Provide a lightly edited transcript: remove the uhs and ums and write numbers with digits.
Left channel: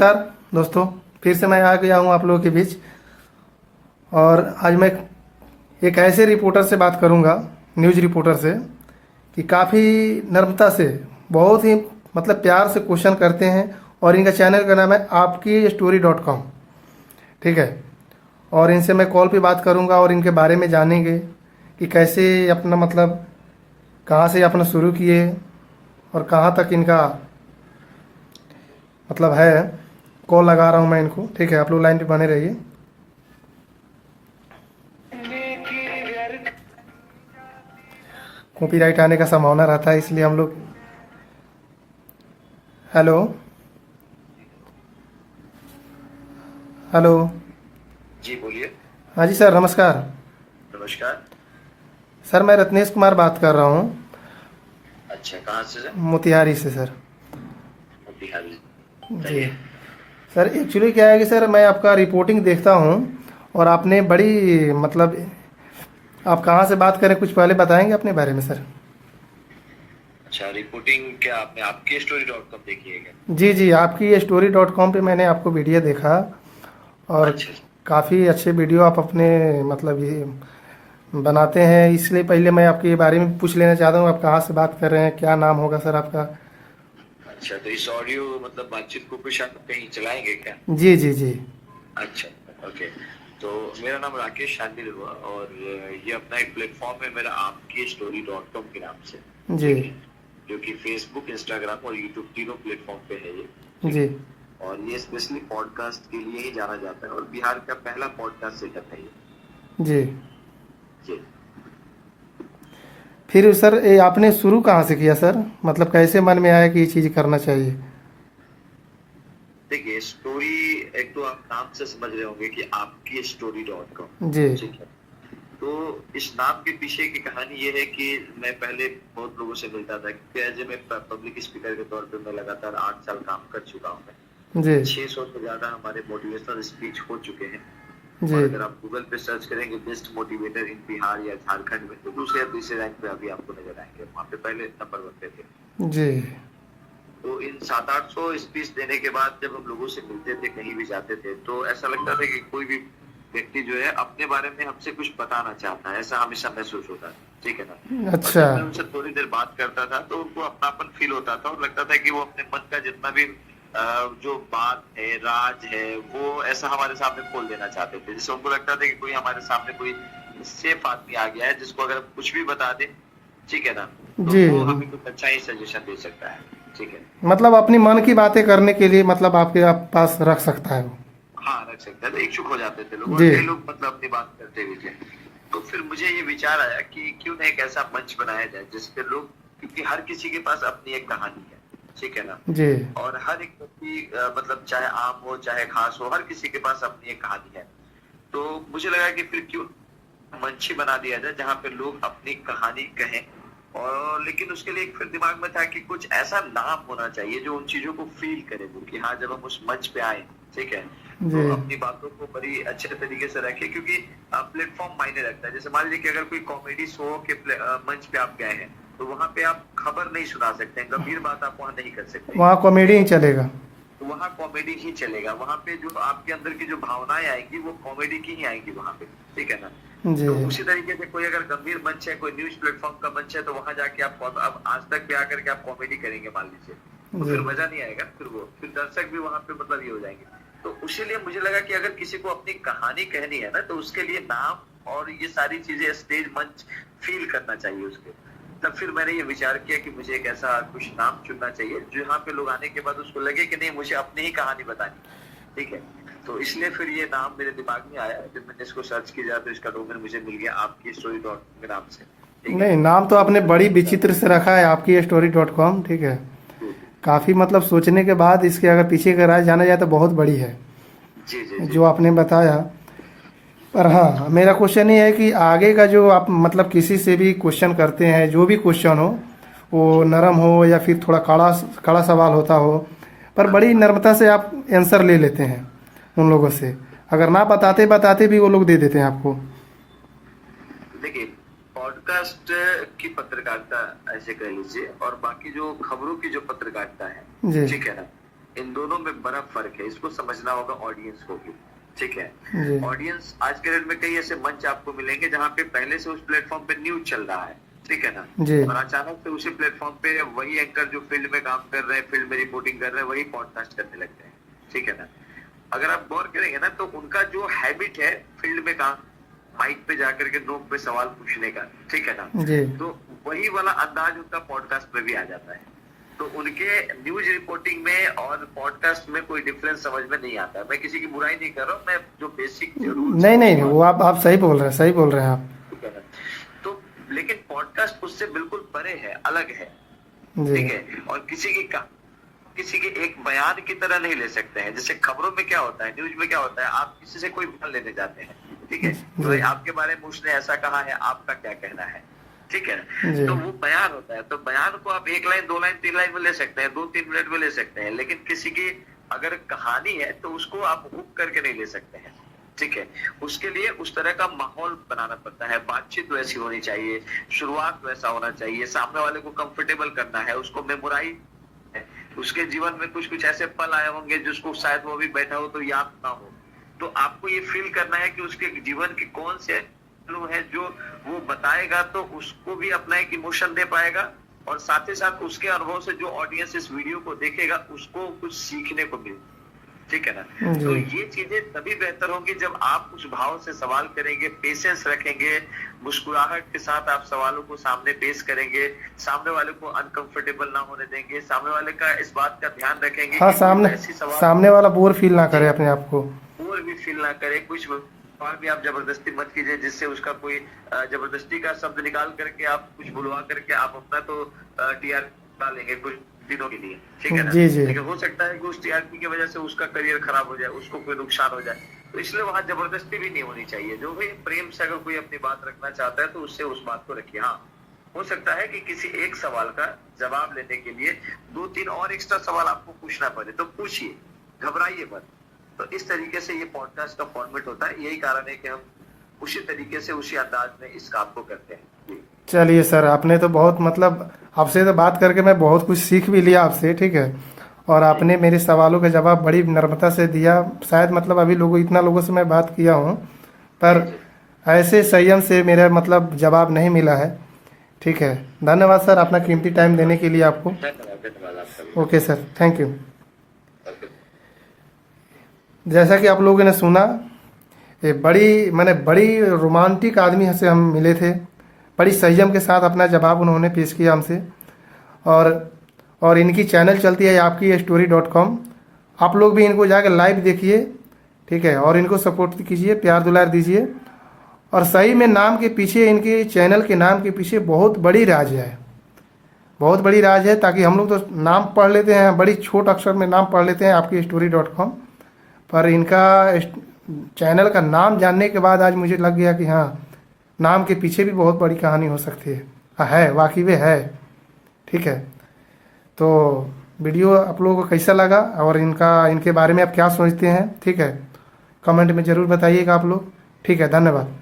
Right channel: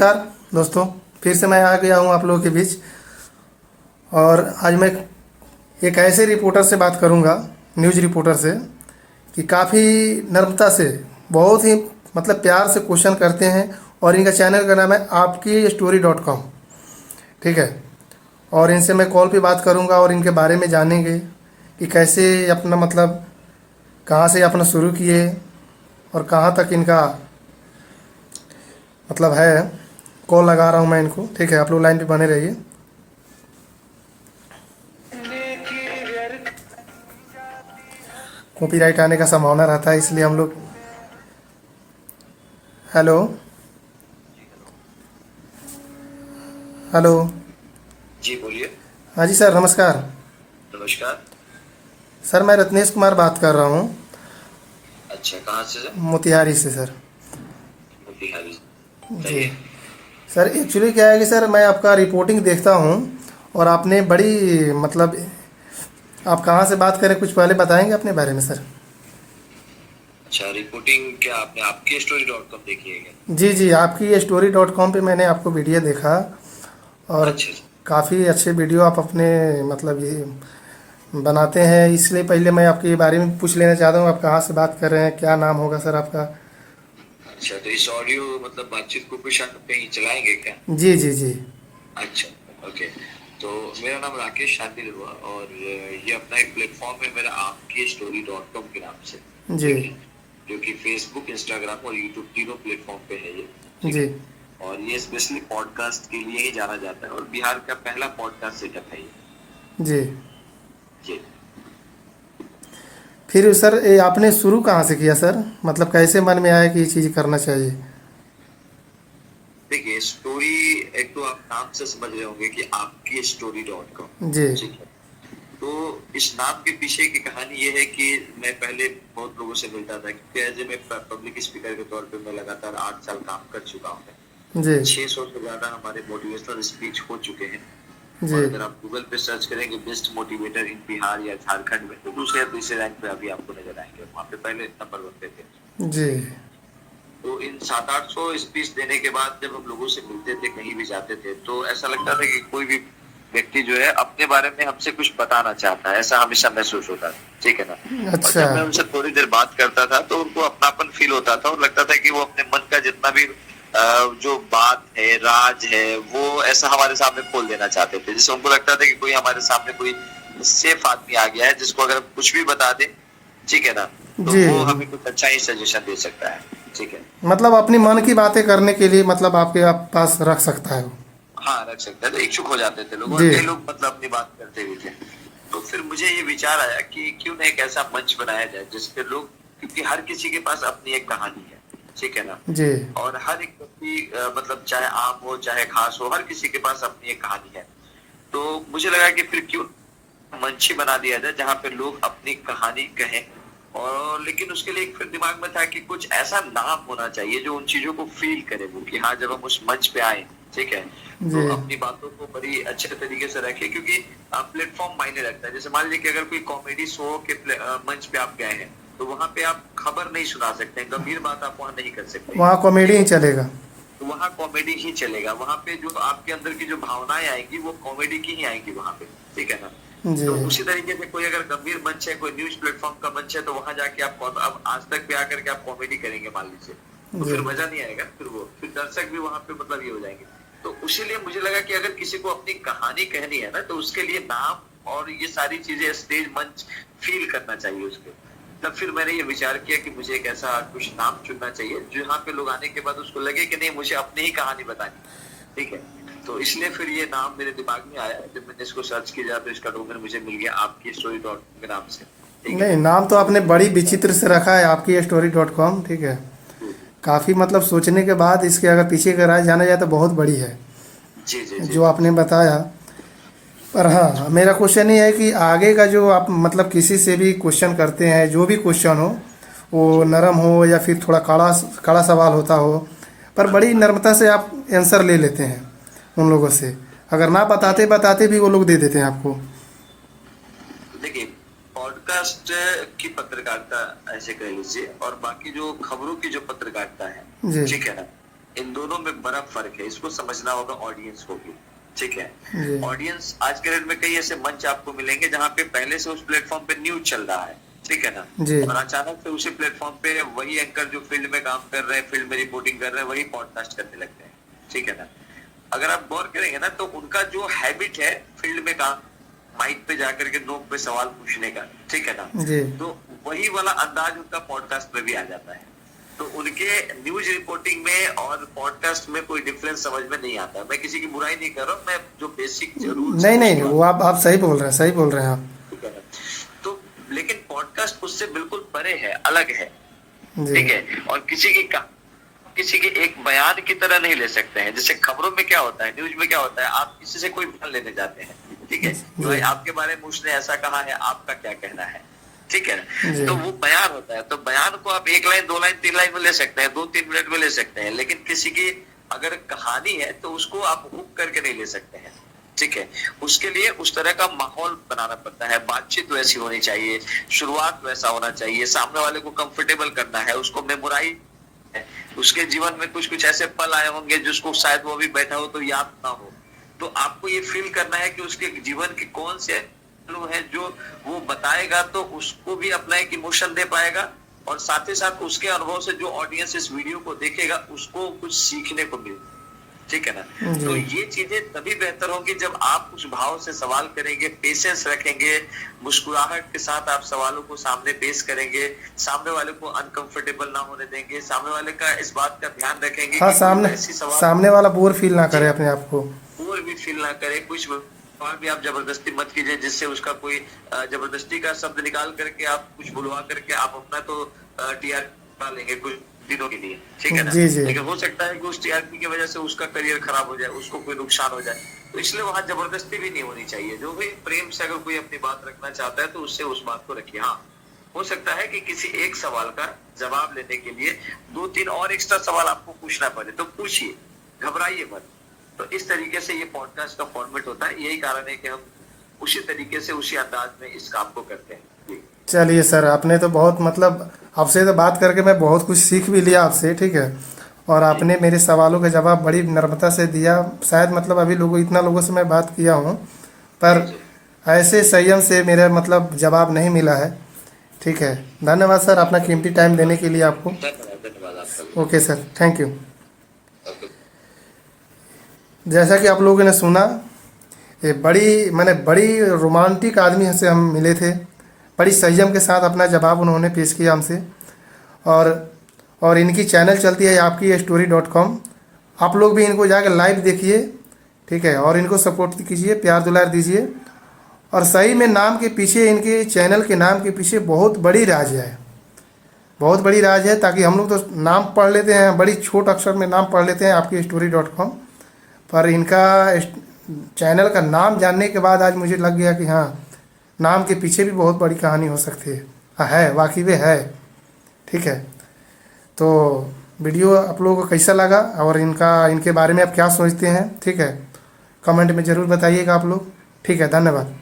नमस्कार दोस्तों, फिर से मैं आ गया हूँ आप लोगों के बीच। और आज मैं एक ऐसे रिपोर्टर से बात करूँगा, न्यूज़ रिपोर्टर से, कि काफ़ी नम्रता से, बहुत ही मतलब प्यार से क्वेश्चन करते हैं। और इनका चैनल का नाम है आपकी स्टोरी.com। ठीक है। और इनसे मैं कॉल पे बात करूँगा और इनके बारे में जानेंगे कि कैसे अपना मतलब कहाँ से अपना शुरू किए और कहाँ तक इनका मतलब है। कॉल लगा रहा हूँ मैं इनको। ठीक है, आप लोग लाइन पे बने रहिए। कॉपीराइट आने का संभावना रहता है, इसलिए हम लोग। Hello hello. जी बोलिए। हाँ जी सर, नमस्कार। नमस्कार। सर मैं रत्नेश कुमार बात कर रहा हूँ, अच्छा, कहाँ से सर? मोतिहारी से सर। बिहारी। जी बताइए। सर, एक्चुअली क्या है कि सर मैं आपका रिपोर्टिंग देखता हूँ और आपने बड़ी मतलब, आप कहाँ से बात करें कुछ पहले बताएंगे अपने बारे में सर। अच्छा, रिपोर्टिंग क्या आपने आपकी स्टोरी.com देखी है क्या? जी जी, आपकी स्टोरी.com पे मैंने आपको वीडियो देखा। और अच्छा अच्छा। काफ़ी अच्छे वीडियो आप अपने मतलब ये बनाते हैं, इसलिए पहले मैं आपके बारे में पूछ लेना चाहता हूँ, आप कहाँ से बात कर रहे हैं, क्या नाम होगा सर आपका। अच्छा, तो इस ऑडियो मतलब बातचीत को कुछ आप कहीं चलाएंगे क्या? जी जी जी। अच्छा। ओके। तो मेरा नाम राकेश शांति हुआ और ये अपना एक प्लेटफॉर्म है मेरा आपकी स्टोरी.com के नाम से। जी ठीक है। जो कि फेसबुक, इंस्टाग्राम और यूट्यूब तीनों प्लेटफॉर्म पे है ये। ठीक जी है। और ये स्पेशली पॉडकास्ट के लिए ही जाना जाता है और बिहार का पहला पॉडकास्ट सेटअप है ये। जी। जी। फिर सर ये आपने शुरू कहाँ से किया सर, मतलब कैसे मन में आया कि ये चीज़ करना चाहिए। देखिए, स्टोरी एक तो आप नाम से समझ रहे होंगे कि आपकी स्टोरी.com। जी ठीक है। तो इस नाम के पीछे की कहानी ये है कि मैं पहले बहुत लोगों से मिलता था, क्योंकि एज ए मैं पब्लिक स्पीकर के तौर पे मैं लगातार 8 साल काम कर चुका हूँ। जी 600 से ज्यादा हमारे मोटिवेशनल स्पीच हो चुके हैं। जी। और अगर आप गूगल पे सर्च करेंगे बेस्ट मोटिवेटर इन बिहार या झारखंड में, तो दूसरे या तीसरे रैंक पे अभी आपको नजर आएंगे। वहाँ पे पहले नंबर 1 पे थे। जी तो इन 700-800 स्पीच देने के बाद जब हम लोगों से मिलते थे, कहीं भी जाते थे, तो ऐसा लगता था कि कोई भी व्यक्ति जो है अपने बारे में हमसे कुछ बताना चाहता है, ऐसा हमेशा महसूस होता था। ठीक है ना? और अच्छा। जब मैं उनसे थोड़ी देर बात करता था तो उनको अपनापन फील होता था और लगता था कि वो अपने मन का जितना भी जो बात है, राज है, वो ऐसा हमारे सामने खोल देना चाहते थे। जिससे उनको लगता था कि कोई हमारे सामने कोई सेफ आदमी आ गया है, जिसको अगर कुछ भी बता दे, ठीक है ना, तो जी, वो हमें कुछ अच्छा ही सजेशन दे सकता है। ठीक है। मतलब अपनी मन की बातें करने के लिए मतलब आपके आप पास रख सकता है वो। हाँ, रख सकता है। तो इच्छुक हो जाते थे लोग और जी कई लोग मतलब अपनी बात करते भी थे। तो फिर मुझे ये विचार आया कि क्यों ना एक ऐसा मंच बनाया जाए जिसपे लोग, क्योंकि हर किसी के पास अपनी एक कहानी है। ठीक है ना? जी और हर एक व्यक्ति मतलब चाहे आम हो चाहे खास हो, हर किसी के पास अपनी एक कहानी है। तो मुझे लगा कि फिर क्यों मंच ही बना दिया जाए जहाँ पे लोग अपनी कहानी कहें। और लेकिन उसके लिए फिर दिमाग में था कि कुछ ऐसा नाम होना चाहिए जो उन चीजों को फील करे वो, कि हाँ जब हम उस मंच पे आए, ठीक है, जी। तो अपनी बातों को बड़ी अच्छे तरीके से रखे, क्योंकि प्लेटफॉर्म मायने रखता है। जैसे मान लीजिए कि अगर कोई कॉमेडी शो के मंच पे आप गए हैं, तो वहां पे आप खबर नहीं सुना सकते, गंभीर बात आप वहां नहीं कर सकते। वहाँ कॉमेडी ही चलेगा। तो वहाँ कॉमेडी ही चलेगा। वहां पे जो आपके अंदर की जो भावनाएं आएंगी वो कॉमेडी की ही आएंगी वहां पे। ठीक है ना? जी तो उसी तरीके से कोई अगर गंभीर मंच है, कोई न्यूज प्लेटफॉर्म का मंच है, तो वहां जाके आप अब आज तक पे आकर के आप कॉमेडी करेंगे मान लीजिए, तो जी। फिर मजा नहीं आएगा। फिर दर्शक भी वहां पे मतलब ये हो जाएंगे। तो उसीलिए मुझे लगा कि अगर किसी को अपनी कहानी कहनी है ना, तो उसके लिए नाम और ये सारी चीजें, स्टेज मंच फील करना चाहिए उसको। तब फिर मैंने ये विचार किया कि मुझे एक ऐसा कुछ नाम चुनना चाहिए जहाँ पे लोग आने के बाद उसको लगे कि नहीं, मुझे अपनी ही कहानी बतानी। ठीक है। तो इसलिए फिर ये नाम मेरे दिमाग में आया। जब मैंने इसको सर्च किया तो इसका डोमेन मुझे मिल गया आपकी स्टोरी.com के नाम से। ठीक है। नहीं, नाम तो तो आपने बड़ी विचित्र से रखा है, आपकी स्टोरी.com। ठीक है, काफ़ी मतलब सोचने के बाद इसके अगर पीछे का राज जाना जाए तो बहुत बड़ी है जी जी जी जो जी। आपने बताया। पर हाँ, मेरा क्वेश्चन ये है कि आगे का जो आप मतलब किसी से भी क्वेश्चन करते हैं, जो भी क्वेश्चन हो, वो नरम हो या फिर थोड़ा कड़ा कड़ा सवाल होता हो, पर हाँ बड़ी हाँ। नम्रता से आप आंसर ले लेते हैं उन लोगों से। अगर ना बताते बताते भी वो लोग दे देते हैं आपको। देखिए, पॉडकास्ट की पत्रकारिता ऐसे कह लीजिए, और बाकी जो खबरों की जो पत्रकारिता है, जी ठीक है ना, इन दोनों में बड़ा फर्क है, इसको समझना होगा ऑडियंस को भी। ठीक है, जी ऑडियंस आज के डेट में कई ऐसे मंच आपको मिलेंगे जहाँ पे पहले से उस प्लेटफॉर्म पे न्यूज चल रहा है, ठीक है ना, जी और अचानक से उसी प्लेटफॉर्म पे वही एंकर जो फील्ड में काम कर रहे हैं, फील्ड में रिपोर्टिंग कर रहे हैं, वही पॉडकास्ट करने लगते हैं, ठीक है ना। अगर आप गौर करेंगे ना तो उनका जो हैबिट है फील्ड में काम, माइक पे जाकर के लोग पे सवाल पूछने का, ठीक है ना, जी तो वही वाला अंदाज उनका पॉडकास्ट में भी आ जाता है। तो उनके न्यूज रिपोर्टिंग में और पॉडकास्ट में कोई डिफरेंस समझ में नहीं आता। मैं किसी की बुराई नहीं कर रहा हूँ, मैं जो बेसिक जरूर नहीं नहीं, वो आप सही बोल रहे हैं, सही बोल रहे हैं आप। तो लेकिन पॉडकास्ट उससे बिल्कुल परे है, अलग है, जी ठीक है। और किसी के एक बयान की तरह नहीं ले सकते हैं। जैसे खबरों में क्या होता है, न्यूज में क्या होता है, आप किसी से कोई बयान लेने जाते हैं, ठीक है, तो जी आपके बारे में उसने ऐसा कहा है, आपका क्या कहना है, ठीक है, जी तो वो बयान होता है। तो बयान को आप 1 लाइन 2 लाइन 3 लाइन में ले सकते हैं, 2-3 मिनट में ले सकते हैं, लेकिन किसी की अगर कहानी है तो उसको आप हुक करके नहीं ले सकते हैं, ठीक है। उसके लिए उस तरह का माहौल बनाना पड़ता है, बातचीत वैसी होनी चाहिए, शुरुआत वैसा होना चाहिए, सामने वाले को कंफर्टेबल करना है, उसको मेमोराइज, उसके जीवन में कुछ कुछ ऐसे पल आए होंगे जिसको शायद वो अभी बैठा हो तो याद ना हो, तो आपको ये फील करना है कि उसके जीवन के कौन से पहलू है जो वो बताएगा, तो उसको भी अपना एक इमोशन दे पाएगा, और साथ ही साथ उसके अनुभव से जो ऑडियंस इस वीडियो को देखेगा उसको कुछ सीखने को मिले, ठीक है ना। तो जी ये चीजें तभी बेहतर होंगी जब आप उस भाव से सवाल करेंगे, पेशेंस रखेंगे, मुस्कुराहट के साथ आप सवालों को सामने पेश करेंगे, सामने वाले को अनकंफर्टेबल ना होने देंगे, सामने वाले का इस बात का ध्यान रखेंगे हाँ, कि सामने वाला बोर फील ना करे अपने आप को। और भी फील ना करे, कुछ और भी आप जबरदस्ती मत कीजिए जिससे उसका कोई जबरदस्ती का शब्द निकाल करके आप कुछ बुलवा करके आप अपना तो टीआर डालेंगे कुछ दिनों के लिए, ठीक है ना। जी जी लेकिन हो सकता है कि उस टीआरपी की वजह से उसका करियर खराब हो जाए, उसको कोई नुकसान हो जाए, तो इसलिए वहां जबरदस्ती भी नहीं होनी चाहिए। जो भी प्रेम से अगर कोई अपनी बात रखना चाहता है तो उससे उस बात को रखिए। हाँ, हो सकता है कि किसी एक सवाल का जवाब लेने के लिए 2-3 और एक्स्ट्रा सवाल आपको पूछना पड़े, तो पूछिए, घबराइए मत। तो इस तरीके से ये पॉडकास्ट का फॉर्मेट होता है। यही कारण है कि हम उसी तरीके से उसी अंदाज में इस काम को करते हैं। जी। चलिए सर, आपने तो बहुत मतलब आपसे तो बात करके मैं बहुत कुछ सीख भी लिया आपसे, ठीक है, और आपने मेरे सवालों का जवाब बड़ी नम्रता से दिया। शायद मतलब अभी इतना लोगों से मैं बात किया हूँ, पर ऐसे संयम से मेरा मतलब जवाब नहीं मिला है, ठीक है। धन्यवाद सर, अपना कीमती टाइम देने के लिए आपको। धन्यवाद आपका। Okay sir, thank you. जैसा कि आप लोगों ने सुना, ये बड़ी रोमांटिक आदमी से हम मिले थे। बड़ी संयम के साथ अपना जवाब उन्होंने पेश किया हमसे, और इनकी चैनल चलती है आपकीस्टोरी.com। आप लोग भी इनको जाकर लाइव देखिए, ठीक है, और इनको सपोर्ट कीजिए, प्यार दुलार दीजिए। और सही में नाम के पीछे, इनके चैनल के नाम के पीछे बहुत बड़ी राज है, बहुत बड़ी राज है। ताकि हम लोग तो नाम पढ़ लेते हैं, बड़ी छोट अक्षर में नाम पढ़ लेते हैं आपकीस्टोरी.com, पर इनका चैनल का नाम जानने के बाद आज मुझे लग गया कि हाँ, नाम के पीछे भी बहुत बड़ी कहानी हो सकती है। हाँ, है, वाकई में है, ठीक है। तो वीडियो आप लोगों को कैसा लगा और इनके बारे में आप क्या सोचते हैं, ठीक है, कमेंट में ज़रूर बताइएगा आप लोग, ठीक है। धन्यवाद।